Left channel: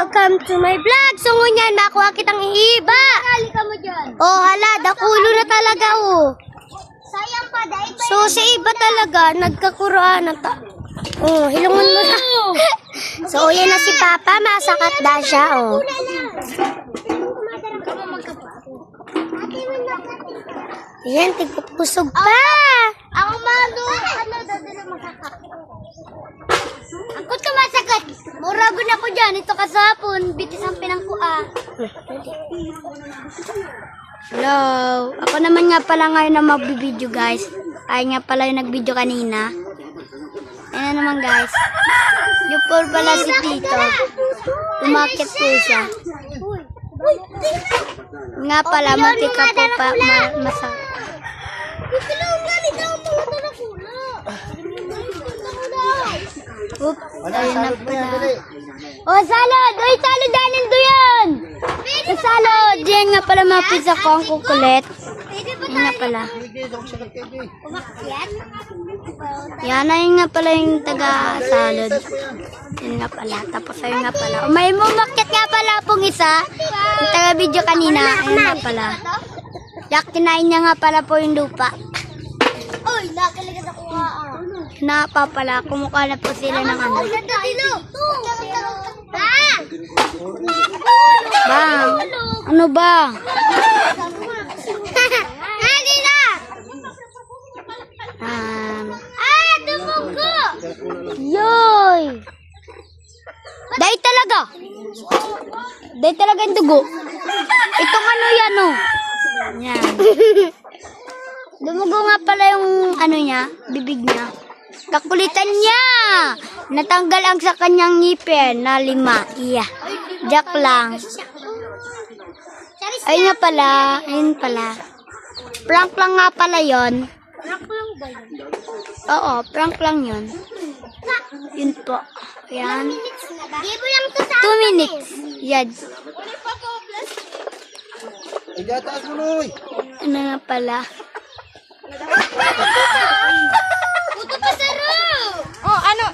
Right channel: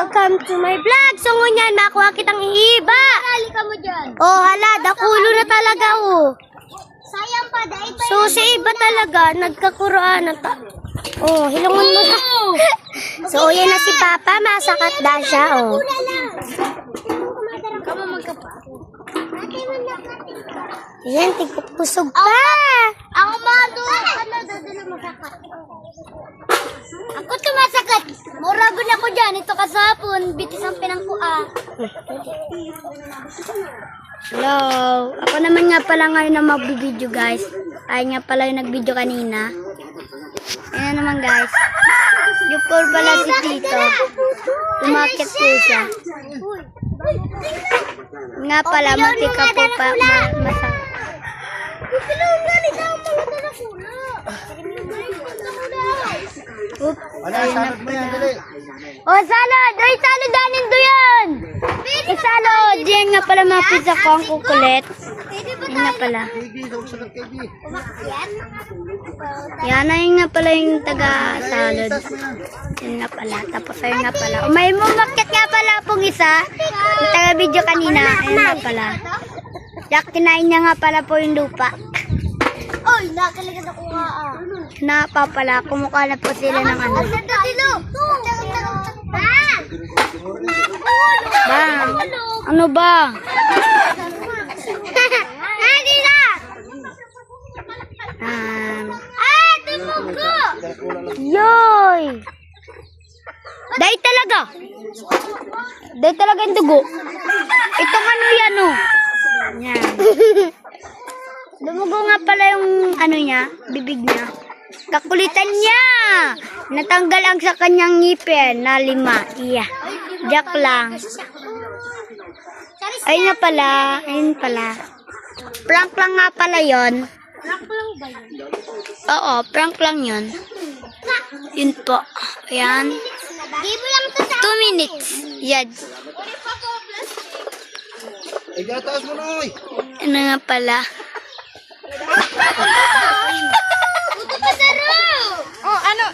welcome to my vlog. So ngunyan, makuha kitang iiba. Halika mo dyan. Oh, hala, dakulo na talaga, oh. Sayang pa, dahil pa. So, sa iba talaga, nagkakuroan na oh, hilungon mo na. So, yan na si Papa, masakat na siya, oh. Kamu magkapa. Yan, tigpupusog pa. Ako malo. Ano, dadalo masakat. Ako tumasakat. Murago na ko dyan. Ito kasapon. Bitis ang pinangkua. Hello. Ako naman nga pala ngayon na magbibideo, guys. Ay nga pala yung nag-video kanina. Ayan na naman, guys. Yung poor pala si Tito. Umakit po siya. Nga pala, matika po pa masakit. Oops, ayun na pala. Oh, salad! Ay, salad! Danin do yan! Eh, salad! Diyan nga pala mga pizza ko ang kukulit. Ayun nga pala. Yan, ayun nga pala yung taga-salad. Yun nga pala. Tapos ayun nga pala. Oh, may mumakit nga pala pong isa. Yung taga-video kanina. Ayun nga pala. Yak, kinain niya nga pala po yung lupa. Oy, nakaligas ako nga. Napa pala. Kumukha na po sila ng ano. Bang! Ano ba? Tumugo! Yoy! Dahil talaga. Dahil talaga yung dugo. Itong ano yan, oh. Yan. Dumugo nga pala yung ano niya, bibig niya. Kakulitan niya. Natanggal ang sa kanyang ngipin na 5. Iya. Jack lang. Ayun nga pala. Ayun pala. Prank lang nga pala yon. Oo, prank lang yun. Yun po. Ayan. 2 minutes. Yan. Igataas mo na, oy. Ano nga pala. Oh, ano?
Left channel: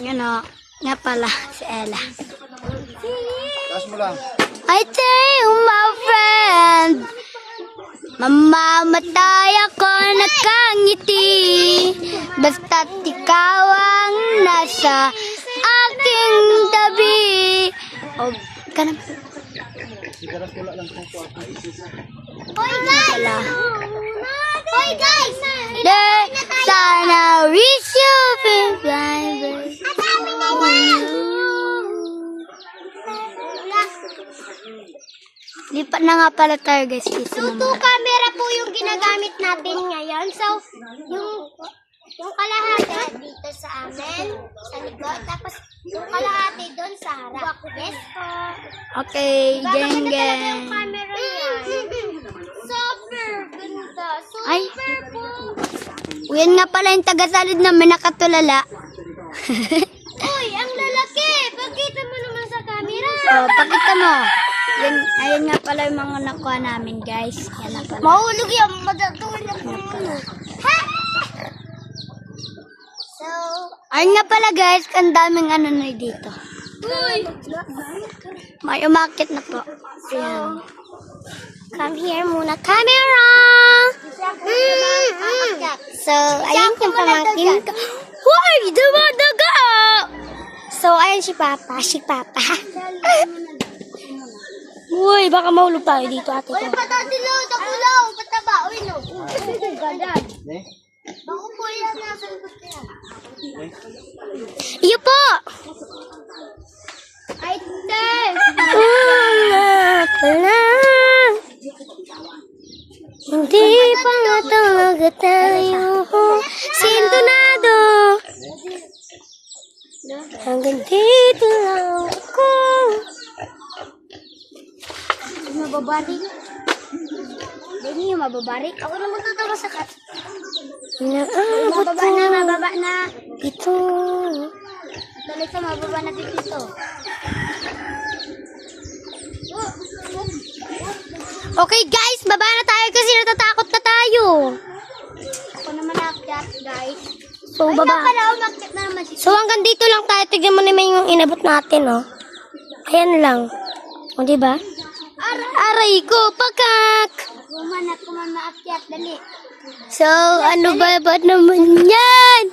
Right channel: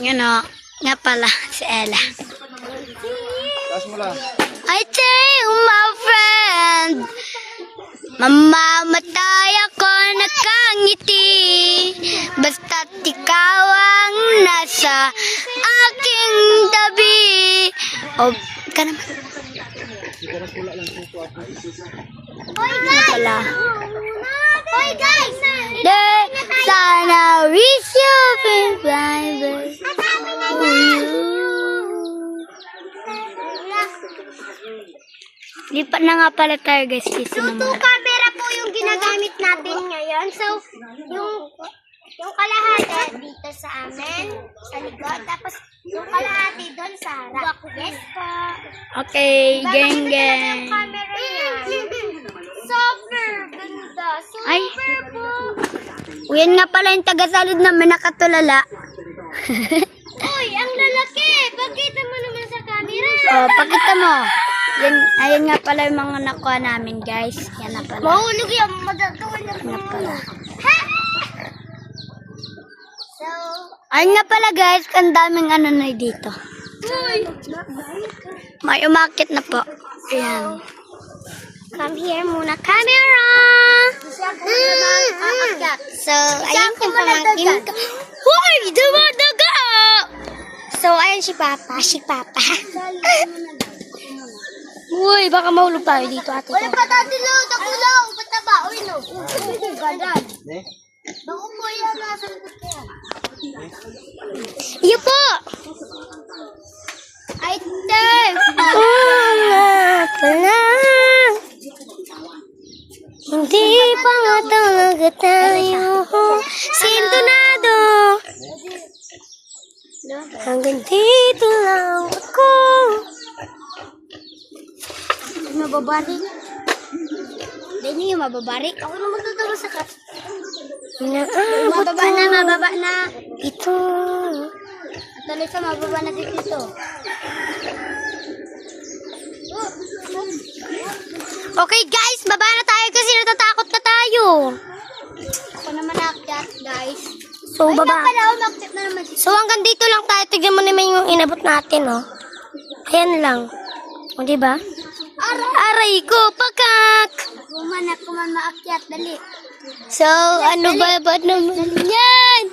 Yan o. Nga pala. Si Ella. Taas mo lang. I tell you, my friend. Mamamatay ako nakangiti. Basta't ikaw ang nasa aking tabi. O, ka naman. Hoy, guys! Wala. Hoy, guys! There, sana wish you been blind. Kasama na yan! Lipat na nga pala tayo, guys. Kasi So, 2 camera po yung ginagamit natin ngayon. So, yung kalahati dito sa amin, sa likod. Tapos, yung kalahati doon sa harap. Yes po. Okay, geng Yung geng. camera niya. Super ganda. Super Ay. po. Yan nga pala yung taga-salid na may nakatulala. Uy, ang lalaki. Pakita mo naman sa camera. Oh, pakita mo. Yan, ayun nga pala yung mga nakuha namin, guys. Yan na pala. Mahulog yan. Madatuin na po. Ha? So, Ayun nga pala, guys. Ang daming ano na dito. uy. May umakit na po. Ayan. Come here muna, camera. So, ayun yung pamangkin ko. Hoy! Dumadaga! So, ayun si Papa. Si Papa. Uy, baka mahulog tayo dito, ate Uy, ko. patatilaw, takulaw, pataba. Uy, no. Ganyan. Eh? Bako po yan, nasa likod kaya. Iyo po! Ay, Dave. Nga pala. Hindi pa nga talaga tayo sintonado. Hanggang dito lang ako. Mababarik. Hindi yung mababarik. Ako na magtatawa sa kat. Inaabot ko Mababa na. ito. Tuloy sa mababa na si Tito. Okay guys, baba na tayo kasi natatakot na tayo. Ako naman akyat, guys. So baba. Wala, umakit na naman si So hanggang dito lang tayo. Tignan mo naman yung inabot natin, oh. Ayan lang. O, diba? Aray ko, pakak! Kumanap ko man maakyat, dali. So, ano ba naman yan?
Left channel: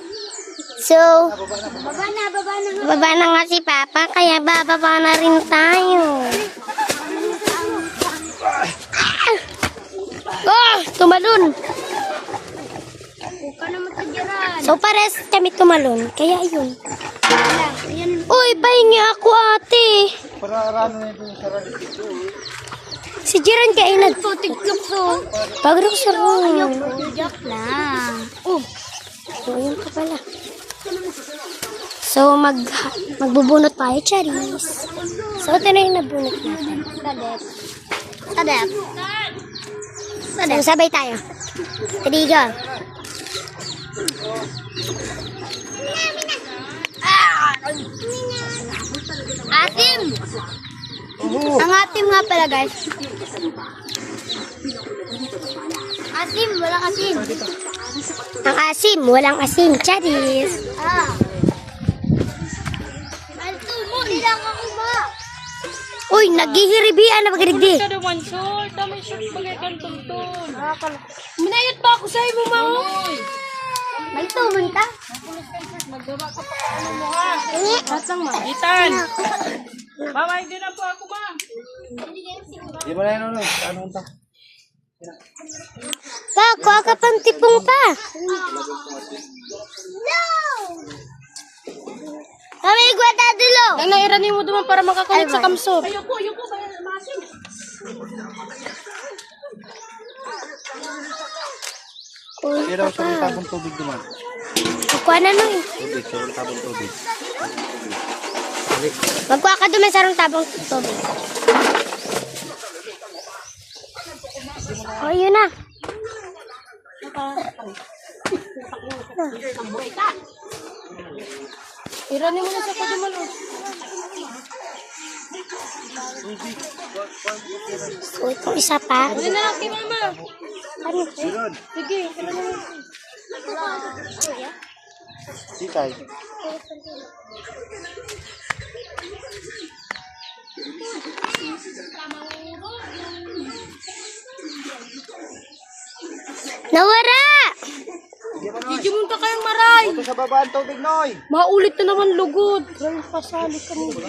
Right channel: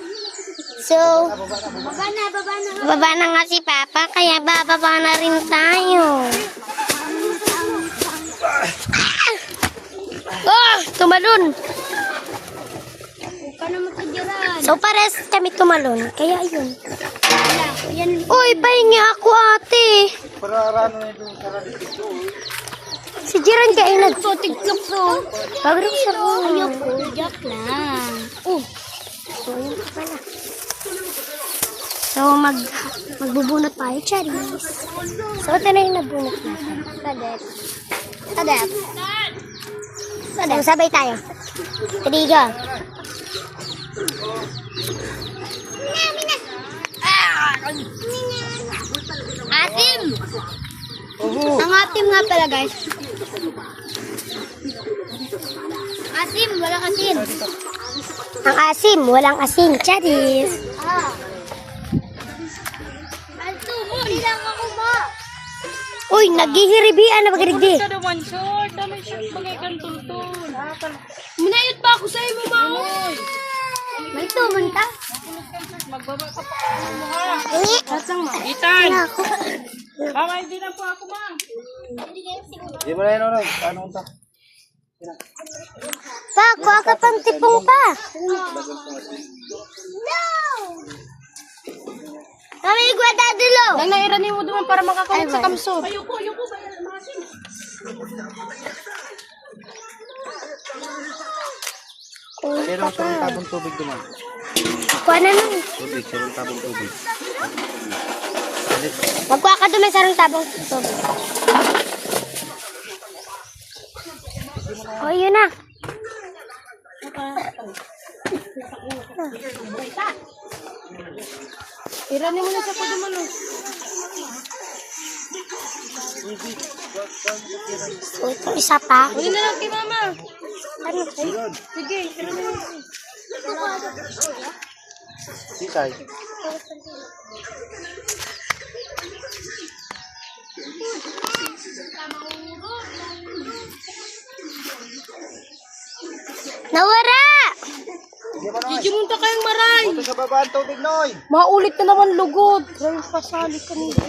So, Baba na. baba na nga si Papa, kaya bababa na rin tayo. Oh, tumalon. Huwag ka na matagyaran. So, pares kami tumalon. Kaya yun. Yan. Uy, pahingi ako ate. Para arano na ito sa radyo. Si Jiren kaya TikTok to. Pag-rin siya rin. Joke lang. So, yun ka pala. So, magbubunot tayo, Charis. So, ito na yung nabunot natin. Sadet. So, sabay tayo. Kadiga. Asim! Ang atim nga pala, guys. Asim, walang asim. Ang asim, walang asim, Charis. Ilang ako ba? Uy, naghihiribian na magirigdi. naman short, dami short bagay tuntun. Minayot pa ako sa iyo, Mao. May tuman ka? Magbaba ka pa mo ha. Batsang mo. Itan. Mama, hindi na po ako, ma. Di mo na yun, Nonoy. Ano ito? Pa, kuha ka pang tipong pa. Kami nagwata dulo. Ang nairani mo doon para makakulit sa kamso. Pero sa tabong tubig naman. Kuha na lang. Tubig, sa tabong tubig. Magkuha ka doon sa rong tabang tubig. O, yun na. Irani mo na sa kadumalo. So, ito isa pa. Hindi na lang kay mama. Ano? Sige. Sikay. Nawara! Gimunta kayong maray. Ito sa baba ang tubig, Noy. Maulit na naman lugod. Grabe pasali ka nito.